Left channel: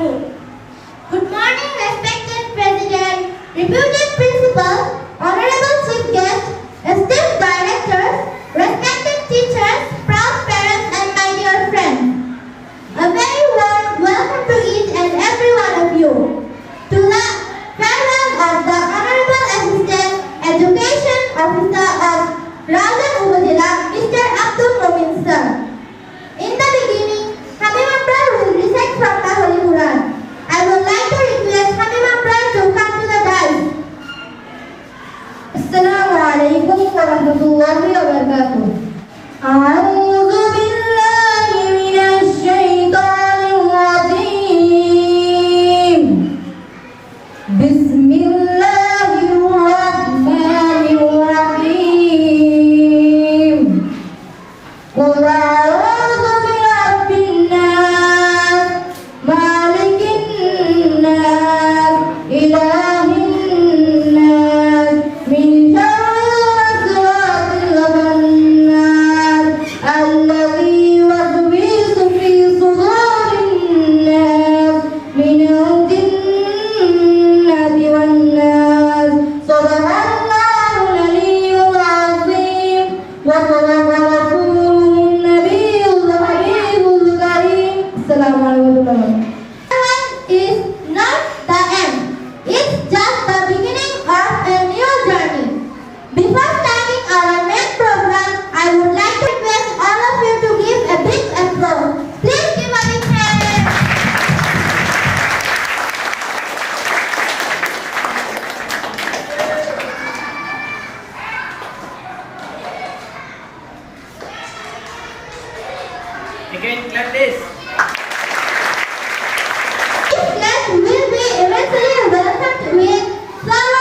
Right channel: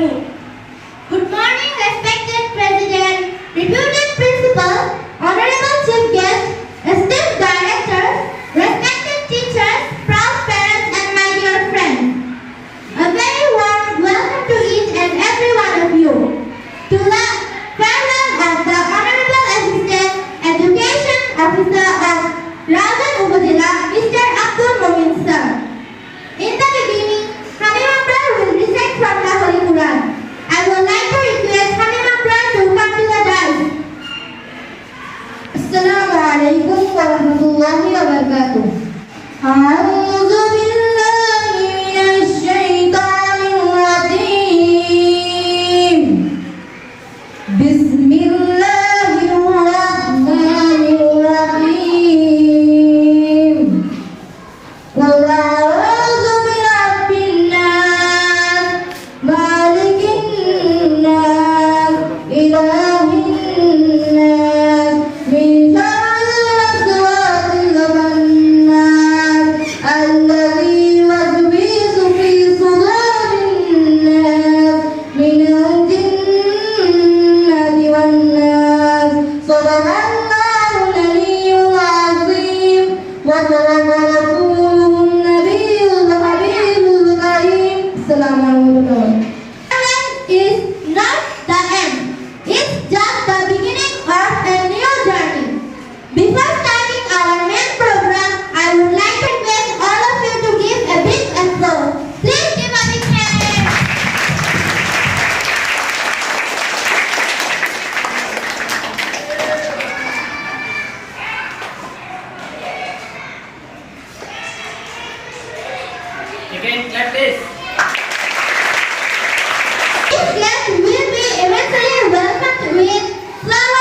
Good morning, respected President, reputed principal, This Christmas will be eventually welcomed with flowers.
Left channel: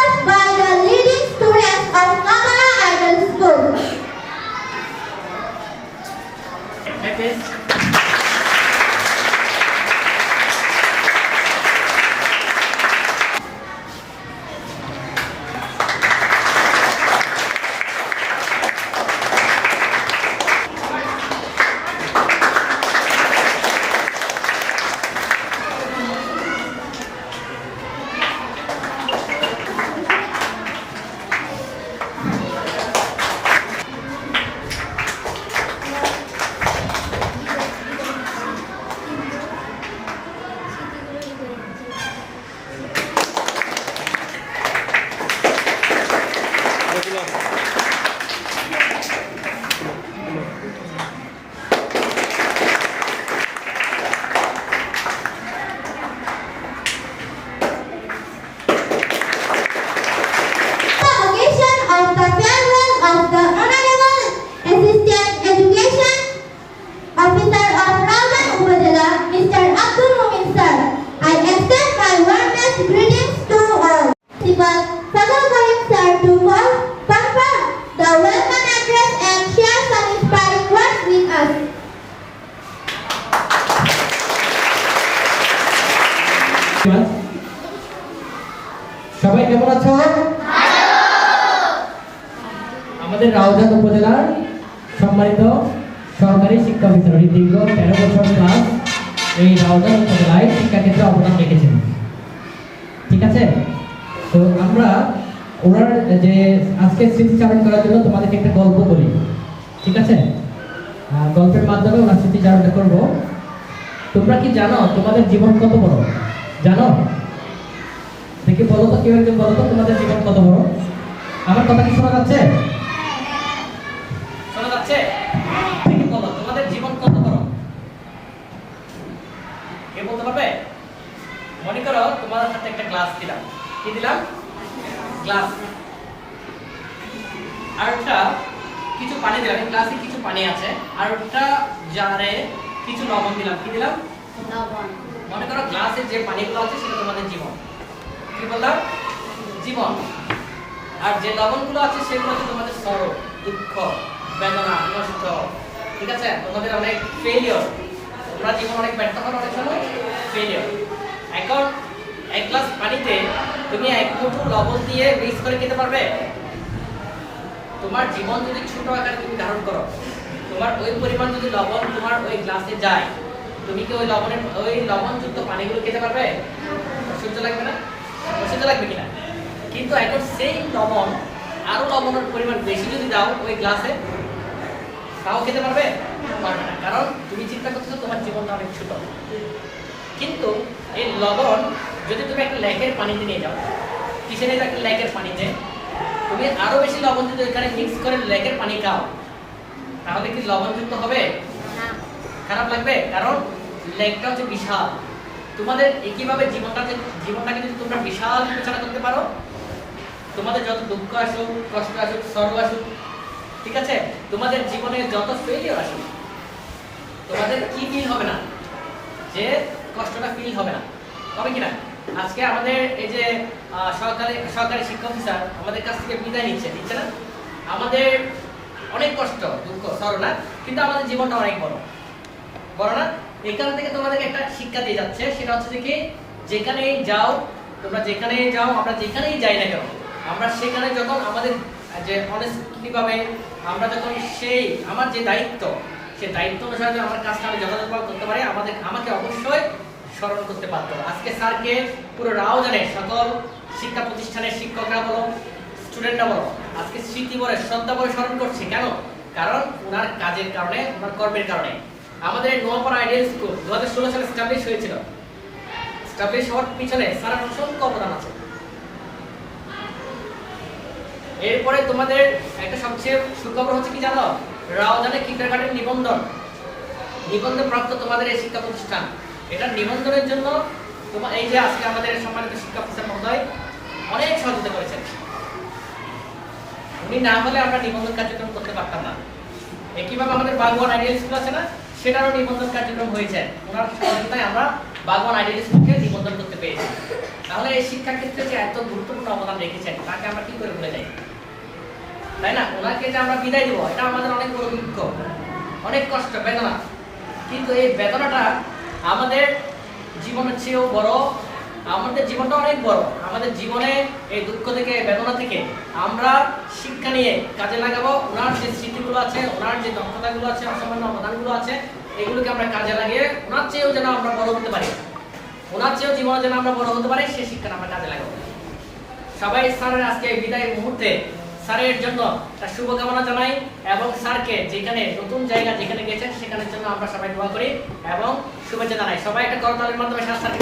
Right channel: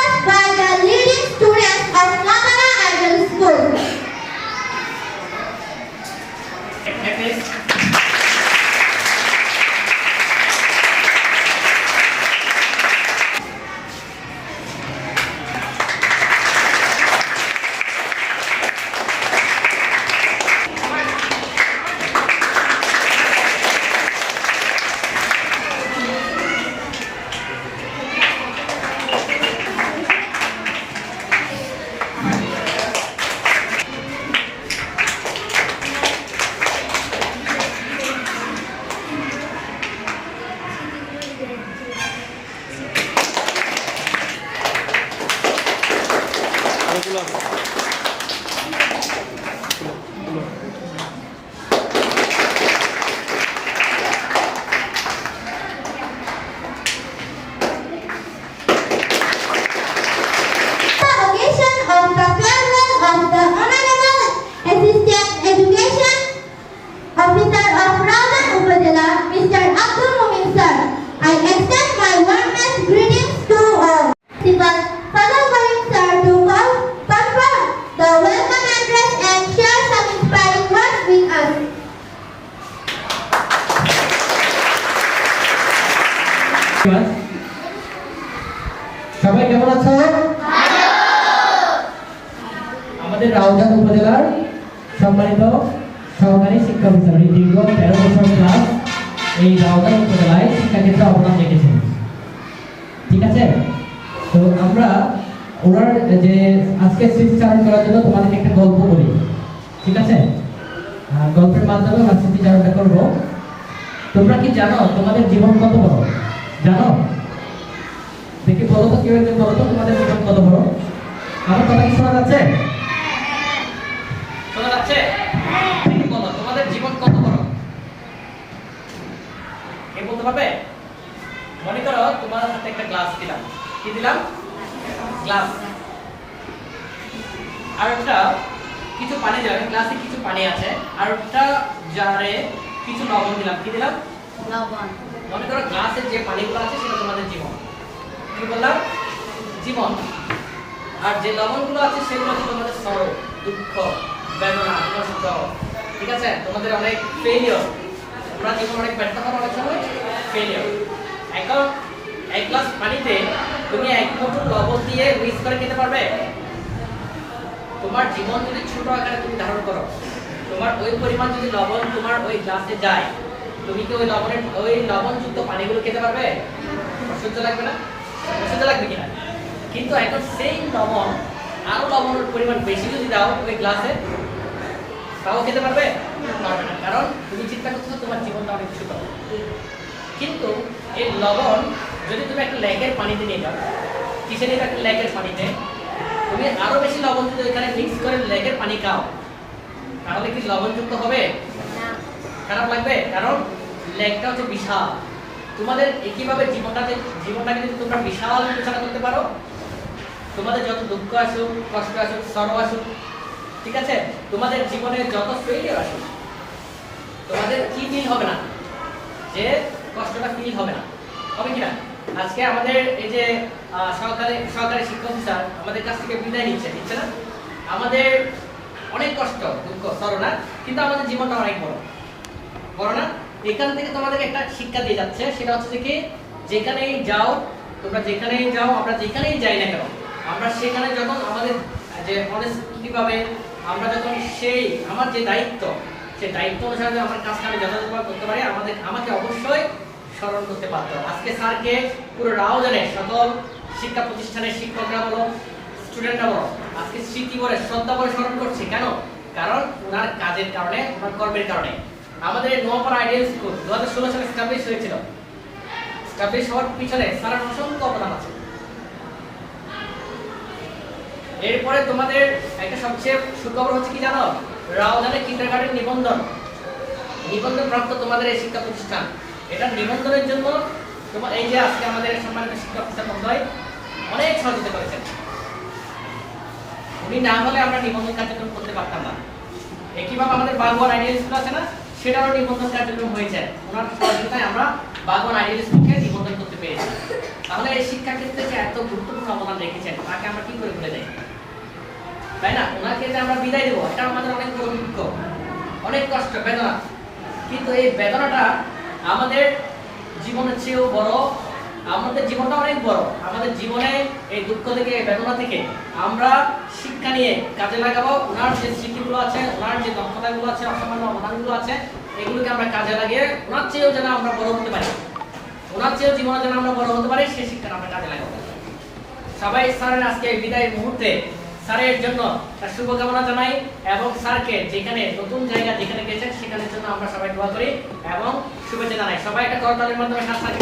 সবাই কেমন আছো? আমাদের রাউজান উপজেলার সম্মানিত সরকারি শিক্ষা এই দীর্ঘ তেরো বছর ক্লাস এই রাউজান উপজেলায় শিক্ষাক্ষেত্রে অবদান রেখেছেন। ঠিক আছে? তো আমরা ওনার যে আজকে স্মৃতিচারণ করার জন্য তোমাদেরকে একটা গল্প বলি। ঠিক আছে? গল্পের মাধ্যমে ওনার স্মৃতিচারণটা করব। তোমরা কি জানো তোমাদের জীবন কত বড়? জানো? দেখে বলো তো, কেউ একজন বলো তো, তোমাদের জীবন কত বড়? আমার কথা কি শোনা যাচ্ছে? শোনা যাচ্ছে? কে মনে করো, তোমাদের সাথে একটা দিলাম। কি দিলাম? আর একটা কিছু পানি দিলাম কিছু পানি আছে। আর একটা জারে কিছু লবণ দিলাম। কি দিলাম? মনে করো গ্লাসে যে পানিগুলো আছে সেটা তোমাদের জীবন। কি বললাম? জীবন। আর যে লবণগুলো আছে সেগুলো হচ্ছে তোমাদের সরব দুঃখ, বেদনা, কষ্ট। ঠিক আছে? তোমাদের অনেক ফেলিওর তোমরা জীবন অনেক ব্যর্থ করো অনেক সময়। ফেলিওর এখন এক গ্লাস পানিতে তুমি এক মুঠো লবণ দিয়ে মিক্স করে খেতে পারবে? তোমার জীবন যদি ছোট আকারে তুমি ধারণ করো, তোমার ওই পরিমাণ যদি লবণ তোমার ওই গ্লাসে যায় তুমি কি ওই লবণের ওই লবণযুক্ত পানিগুলো খেতে পারবে? অসহ্য লাগবে না? অসহ্য লাগবে কিনা? কিন্তু এখন সেই লবণ আরও লবণের পরিমাণ বেশি যদি দাও ওই গ্লাসে তাও খেতে পারবে? পারবে না। কারণ তুমি চিন্তা করছ তোমার জীবনটা অনেক ছোট। কিন্তু এই লবণ যদি তুমি একটা লেকের পানিতে নিয়ে যাও কিসে নিয়ে একটা লেকের পানিতে তুমি আরও বেশি লবণ যদি ওইখানে মিক্স করে লেকের পানি খাও তাহলে কি লবণযুক্ত হবে? খারাপ লাগবে? কারণ লেকটা হচ্ছে বিশাল। তোমাদের একইভাবে জীবনটাকে জীবনটাকে যদি তোমরা বিশাল বিবেচনা করতে পারো, তোমাদের যত দুঃখ আসুক, কষ্ট আসুক, সর্ব আসুক, ঠিক আছে? তোমাদের জীবনে যত ফেলিয়ার আসুক, তোমাদের কি ফিল হবে না? যে কষ্টটা ফিল হবে না। হবে কিনা? আজকে আমাদের এই যে সরকারি সরকারি শিক্ষক স্যার আমাদের কাছ থেকে বিদায় নিচ্ছে, দিচ্ছে না? আমাদের অনেক কষ্ট, দুঃখ সরলা কিন্তু আমাদের জীবনটা অনেক বড়। বড় না? এখান থেকে তোমাদেরকে একটা শিক্ষা দিয়ে যাচ্ছে, সেটা হচ্ছে যে যেখানেই যাও, তোমরা যেখানেই যাও, আমরা যেখানেই যাই না কেন, আমরা সেখানে যখন আমাদের যে অনেস্টলি ভাবে আমরা যখন সেই, আমার যে দায়িত্ব, সেই দায়িত্ব অনুসারে যদি আমার কাজটা আমি যথাযথভাবে করতে পারি, আমাদের, আমাকে অবশ্যই স্মরণ করতে পারতো আজকে স্যারকে পুরো রাও জানে সকল শিক্ষা প্রতিষ্ঠানের শিক্ষকরা বলো স্টুডেন্টরা বলো, আজকে স্মৃতি বলে, শ্রদ্ধা বলে স্মরণ করছি। কেন? কারণ ওনার কাজের কারণে, ওনার কর্মের কারণে। আমাদের এই নোয়াপাড়া আইডিয়াল স্কুল দু হাজার ষোলো সালে স্টাবলিশ হয়েছিল। স্টাবলিশ হওয়ার পিছনে স্যারের অসংখ্য অবদান আছে। এরপরে তোমাদের একটা সবচেয়ে সুখবর হচ্ছে কি জানো? রাওজানে কিন্ডারগার্টেন নিবন্ধন। নিবন্ধন প্রাপ্ত তোমাদের এই শিক্ষা প্রতিষ্ঠান। এটা নিবন্ধনের জন্য তোমার এই যে আজকে আমাদের সম্মানিত শিক্ষা প্রতিষ্ঠান মহোদয় অনেক সহযোগিতা করেছেন। উনি না হলে আমরা নিবন্ধন কার্যক্রম করতে পারতাম না। একইভাবে আমাদের বাগওয়ান আইডিয়াল স্কুল আছে না? সেটারও নিবন্ধন কার্যক্রম হয়েছে। ওনার সহযোগিতায় আমরা বাগান আইডিয়াল স্কুলকে নিবন্ধন করতে পেরেছি। তাহলে এই শিক্ষা ক্ষেত্রে যে এত গুরুত্বপূর্ণ অবদান রেখেছেন তাকে আমরা কি করে ভুলে যাই? তাই না? ওনাকে যে আমরা বিদায় দেবো, এটা আমাদের অনেক বড় দুঃখ, অনেক কষ্ট, বেদনা। কিন্তু এই বেদনাটা আমাদের জীবনের চেয়েও বড় আমাদের জীবনটা অনেক বড়। আমাদের জীবনে এই দুঃখ থেকে বেদনা থেকে আমরা শিক্ষা নিয়ে কাজে লাগাবো। ওনার যে স্মৃতিগুলো আছে, ওনার যে দক্ষতাগুলো আছে, অসামান্য অবদানগুলো আছে, এগুলোকে আমরা কাজে লাগিয়ে ওনার চেয়েও যেন আমরা বড় হতে পারি। ওনার চেয়েও জীবনে যেন আমরা বড় হতে পারি, সেই শিক্ষাটা আমরা কাজে লাগাবো। সবাই স্যারের আজকে এই বিদায়ের মুহূর্তে স্যারের জন্য তার শুভকামনা জানাই এবং স্যারকে যেখানে নতুন জায়গা যেখানে গেছেন, সেখানের জন্য আমরা সবাই দোয়া করি এবং শুভেচ্ছা জানাই। সবাই একটা করতালের মাধ্যমে স্যার